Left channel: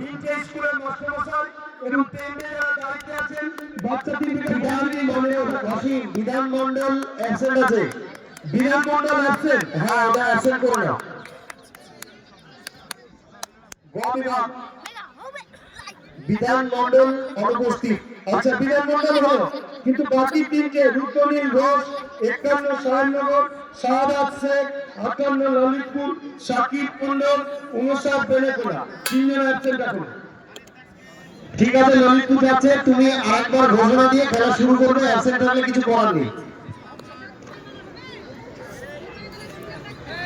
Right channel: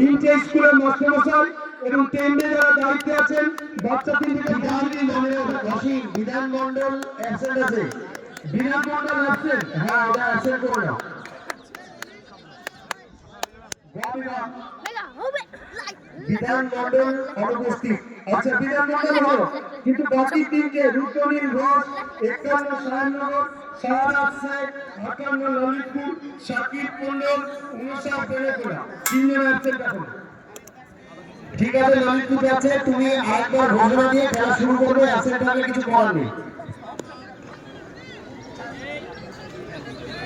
তিনটে স্কুলের মাস্টারমশাই এবং টেন্ডে যারা দায়িত্বে আছেন বাচ্চা তিনটে জানি মনে অসীম বিধান মন্ডল অ্যাবসেন্ট আছে। বিধান মন্ডল অ্যাবসেন্ট, হ্যাঁ ওটা অ্যাবসেন্ট করে নাও। বিধান মন্ডল অনুপস্থিত। আচ্ছা বিধান মন্ডল হলো, কিন্তু বাকি তিনটে রুদ্রনীল ঘোষ, 51 শাহনগর, শাহাদাত শেখ, 58 ললিতপুর, শাকিব কুন্ডল, 59 বেলেকোলা, তিনজন অ্যাবসেন্ট আছে। ঠিক আছে ললিতপুর যাচ্ছে, তুমি আরেকবার ঘোষণা দিয়ে খেলা শুরু করবে, অ্যাবসেন্ট থাকলে কিছু করার নেই।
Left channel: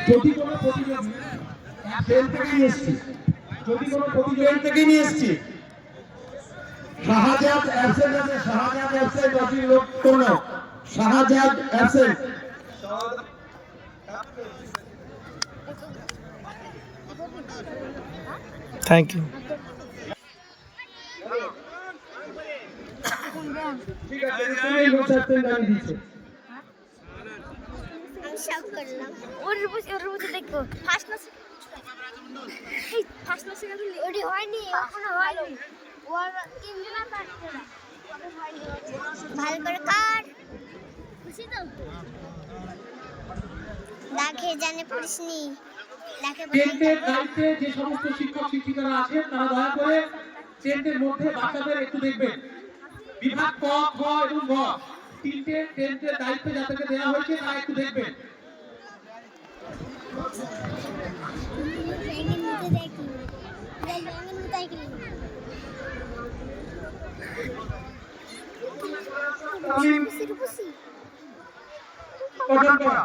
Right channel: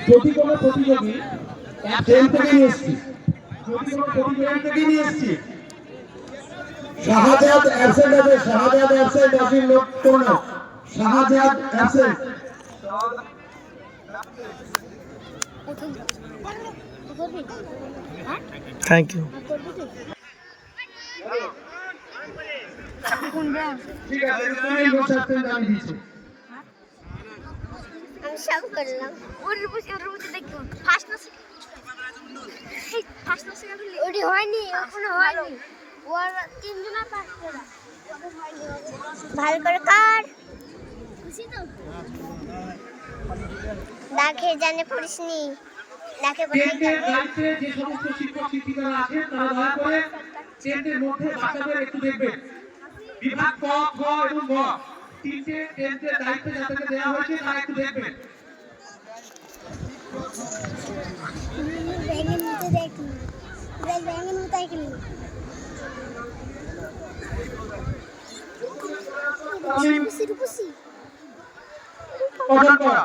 যদি কোনো প্রতিযোগী ট্রেন থেকে নিয়ে এসছি, যদি কোনো প্রতিযোগী থেকে নিয়ে এসছি শাহজাদ অ্যাবসেন্ট আছে, শাহজাদ অ্যাবসেন্ট, অসীম লোক করো। শাহজাদ অ্যাবসেন্ট। Thank you. ঠিক আছে তুমি বসাতে জানিয়ে দিয়েছো। সব করলাম ওর রুমে দেখো ফার্স্ট না এই ফার্স্ট না সেকেন্ড ওডি হয়নি এখনো হয়নি ওর তিনজন কাটছে ভালো করে কাট খুশি তো দেখে জানে পড়িসনি দেখে চেন্টের দায়িত্বে যে সমস্ত শিক্ষক শিক্ষিকারা আছেন তারা দয়া করে চেন্টের মধ্যে বাচ্চাদের একটু দেখবেন। বিভাগ ক খ এবং গ তিনটে চেন্টের দায়িত্বে যাদেরকে দেওয়া হয়েছে তারা একটু দেখবেন। ব্যাঙের নিচে দেখি ব্যাঙের নিচে দেখি খুশি গঠন করা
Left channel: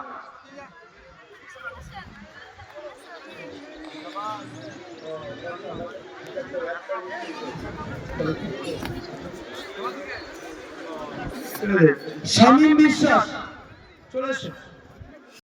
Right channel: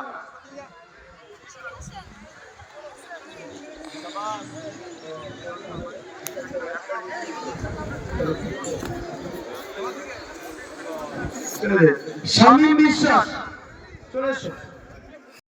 শামীম বিশ্বাস চলে এসো।